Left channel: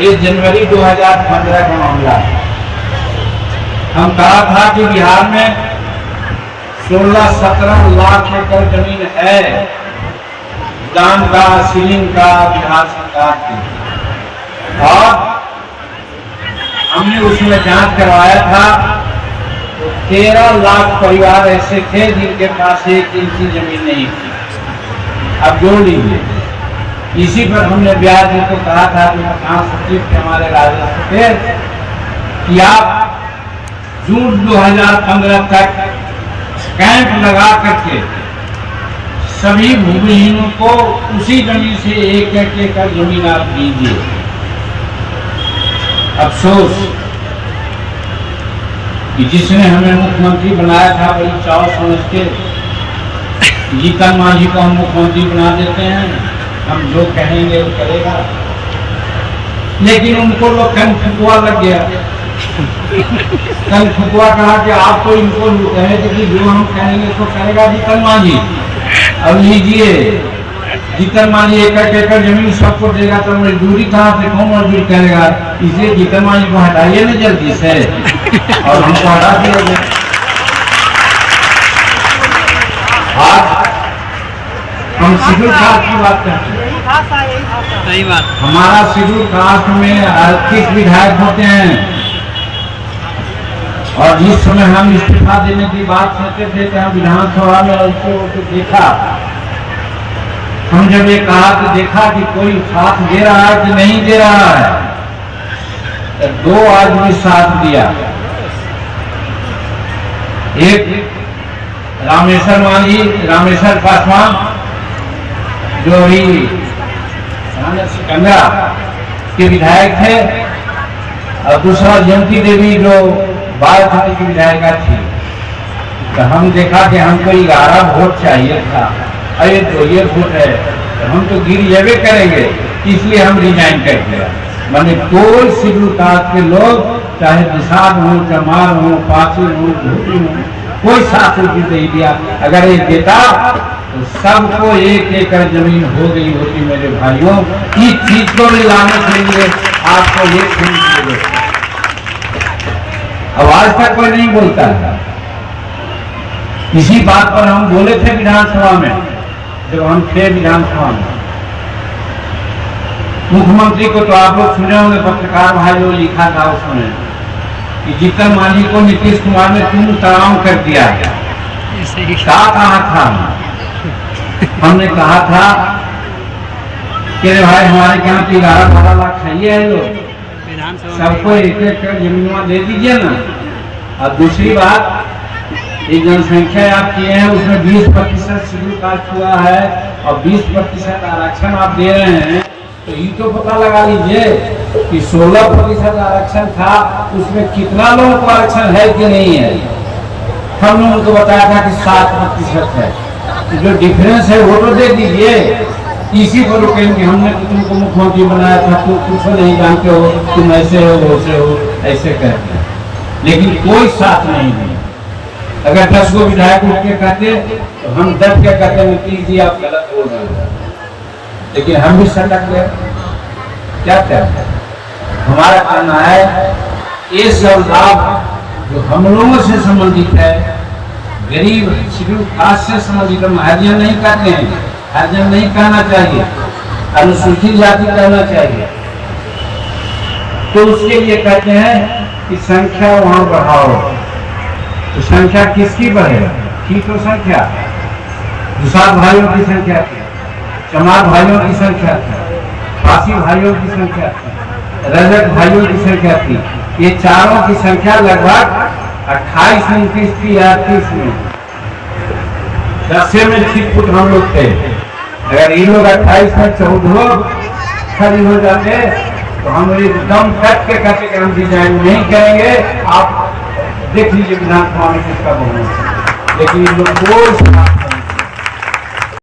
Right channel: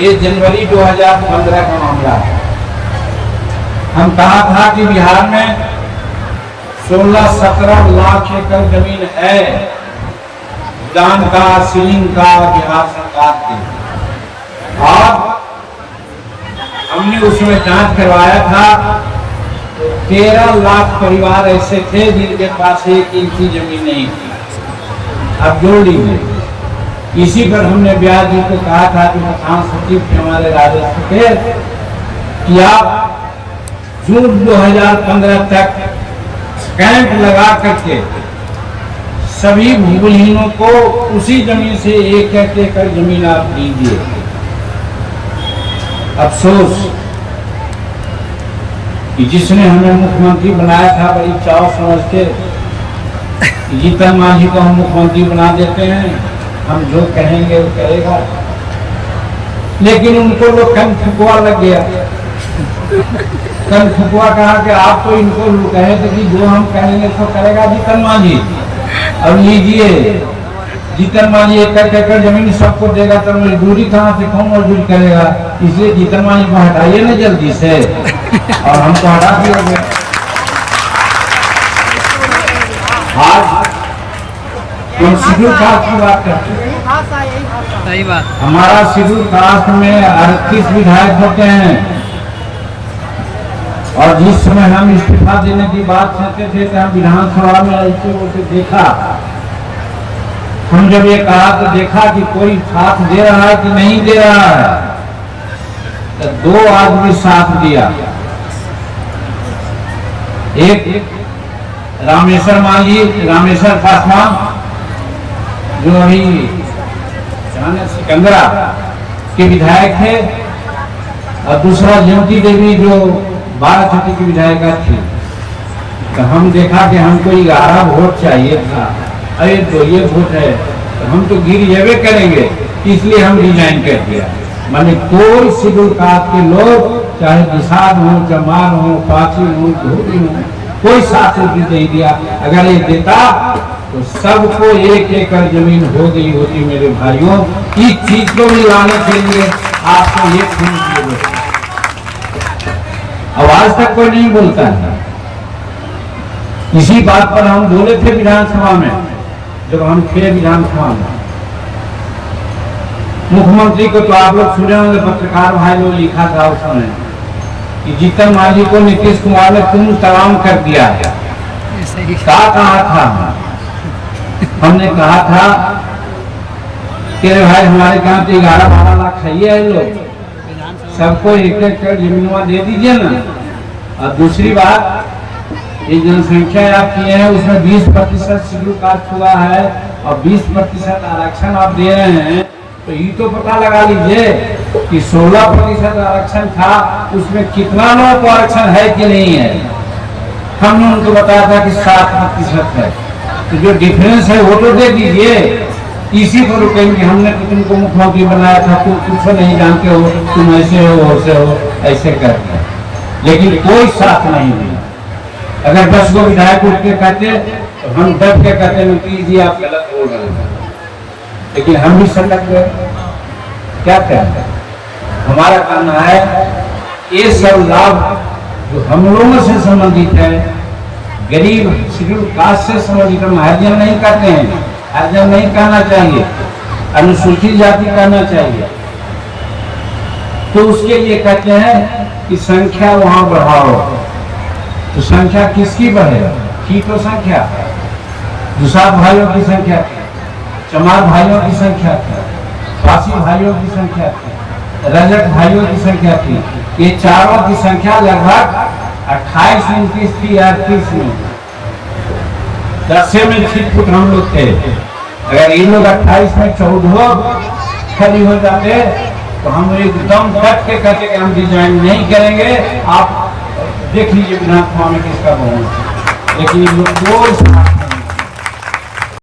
ये जनवरी 2015 का मामला है। हम कहा था कि बिहार में 16-17 लाख एकड़ जमीन है दान का, सीलिंग का बिहार सरकार की, और हमने उसमें जांच करवाया था। 13 लाख परिवार ऐसे थे जिनके पास 1 इंची जमीन नहीं थी। अब जोड़ लीजिए। इसी पर हमने ब्याज जी को कहा था कि मकान सचिव हमारे राजस्व थे कि आप जून 2015 तक कैंप लगा करके सभी भूमिहीनों को उसी जमीन से 1 एकड़ जमीन आप दीजिए। अफसोस कि जिसने हमें मुख्यमंत्री बनाया था बड़ी चाव समझ के जीतन मांझी को हम मुख्यमंत्री बना देते हैं, हम जो कहेंगे वो करेगा, लेकिन उनको लोग कन फुकवा लग गया। कन फुकवा कहा कि आप तो इनको कहे थे कि जो हम कहेंगे तो करेगा जीतन मांझी। अब लीजिए, जीतन मांझी 1 एकड़ जमीन सबको देगा तो मजदूरी कहाँ से कौन मजदूरी करेगा? इसलिए जीतन मांझी को हटाइए ना जल्दी से, और हमको हटा दिया। आज हम शेड्यूल कास्ट की बात करते हैं। सही बात। हमारा शेड्यूल कास्ट में 38 विधायक होते हैं, और जिस समय हम इस्तीफा देने की बात सोचते थे कि हम विधानसभा में ऐसे देखा, हम जब ये कहा तो देखा कि कोई साथ दे रहा है कि नहीं दे रहा है, तो 2 आदमी साथ दिया। एक रामेश्वर मांझी, रामेश्वर पासवान जो अभी सिकंदरा के विधायक थे, और दूसरा जयंती देवी जो 12 छठी की विधायिका थी। तो हम देखा कि हमको 11 वोट चाहिए था, अरे 2 वोट है तो हम तो गिर जावे करेंगे, इसलिए हम रिजाइन कर दिया। माने कोई शेड्यूल कास्ट के लोग, चाहे निषाद हो, चमार हो, पाची हो, धोबी हो, कोई साथ नहीं दिया। अगर ये देता तो सबको 1 एकड़ जमीन हो गई होती। मेरे भाइयों, इस चीज को भी लाने के लिए आपको ये चीज आवाज तक कोई नहीं बोलता था। इसी बात पर हम बोले थे विधानसभा में, जब हम थे विधानसभा में। मुख्यमंत्री को तो आप लोग सुने होंगे, पत्रकार भाई लोग लिखा था उसमें कि जीतन मांझी को नीतीश कुमार ने तुम तमाम कर दिया है। क्या कहा था? हमने कहा था कि भाई हमारे यहाँ तो 11-12 लाख चाहिए है लोग, सबको 1 एकड़ जमीन दे दीजिए ना। और दूसरी बात, ये जनसंख्या आप किए हैं उसमें 20% शेड्यूल कास्ट हुआ है और 20% आरक्षण आप दे रहे हैं, तो ये तो पता लगा लीजिए कि 16% आरक्षण था, उसमें कितना लोगों को आरक्षण है कि नहीं है। हमने उनको बताया था कि 7% है, तो जो डिफरेंस है वो तो दे दीजिए। इसी पर कहेंगे हमने तो तुमको मुख्यमंत्री बनाया था, तुम कुछ नहीं जानते हो, तुम ऐसे हो वैसे हो, ऐसे कहते हैं, लेकिन कोई साथ नहीं है। अगर 10 गो विधायक उठ के कहते तो हम 10 के कहते नीतीश जी आप गलत बोल रहे हैं, लेकिन हम भी संकट गए। क्या कहते हैं? हमारा कहना है ये सब लाभ जो हम लोगों से संबंधित है, गरीब शेड्यूल कास्ट से संबंधित, हम हरिजन नहीं कहते हैं, हरिजन नहीं कहना चाहिए, अनुसूचित जाति कहना चाहिए। तो उसके लिए कहते हैं कि संख्या वहां बढ़ाओ। तो संख्या किसकी बढ़ेगा? थी तो संख्या दुसाध भाइयों की संख्या थी, चमार भाइयों की संख्या थी, पासी भाइयों की संख्या थी, रजक भाइयों की संख्या थी। ये चारों की संख्या लगभग 28-29 थी। 38 में 10 में ठीक फुट हम लोग थे। अगर ये लोग 28 में 14 खड़ी हो जाते तो हम लोग एकदम तक के कहते कि हम डिजाइन नहीं करेंगे। आप देख लीजिए विधानसभा में किसका बहुमत है, लेकिन ये लोग कोई